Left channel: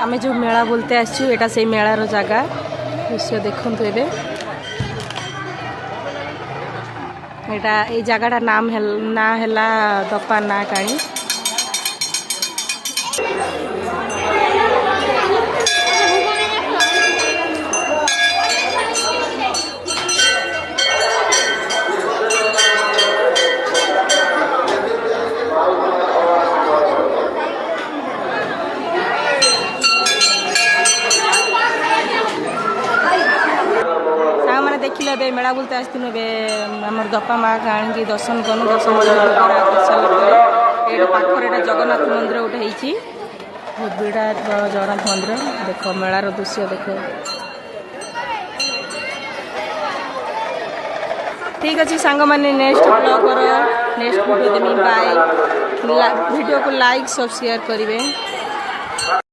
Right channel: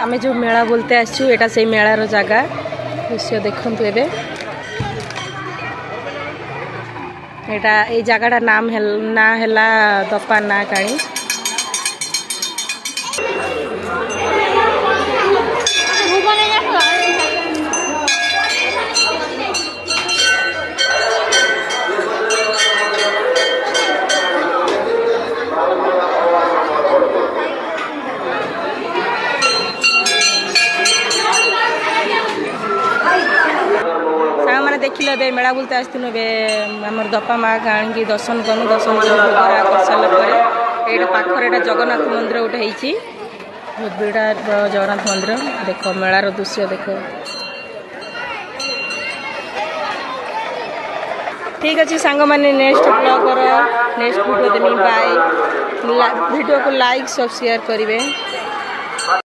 आम जो मेला बोलते आसचु एटा से मेलार जगह दृश्य देखु एबे एटा ए जगह नाम ना है दपा ना काणी देखिल ए मेला बुलते आसलु आम दपा माँ आनी दर्शन कलु दर्शन कर भोगरा कर सारापर ये पाखर जगन्नाथ मंदिर गोटे होती बहुत बड़ा जगन्नाथ मंदिर देख मेलार दृश्य देख ठीक अच्छे सांग मैंने नेक्स्ट ब्लॉगर नेक्स्ट वीडियो देमी बाय वीडियो को लाइक सब शेयर करेंगे।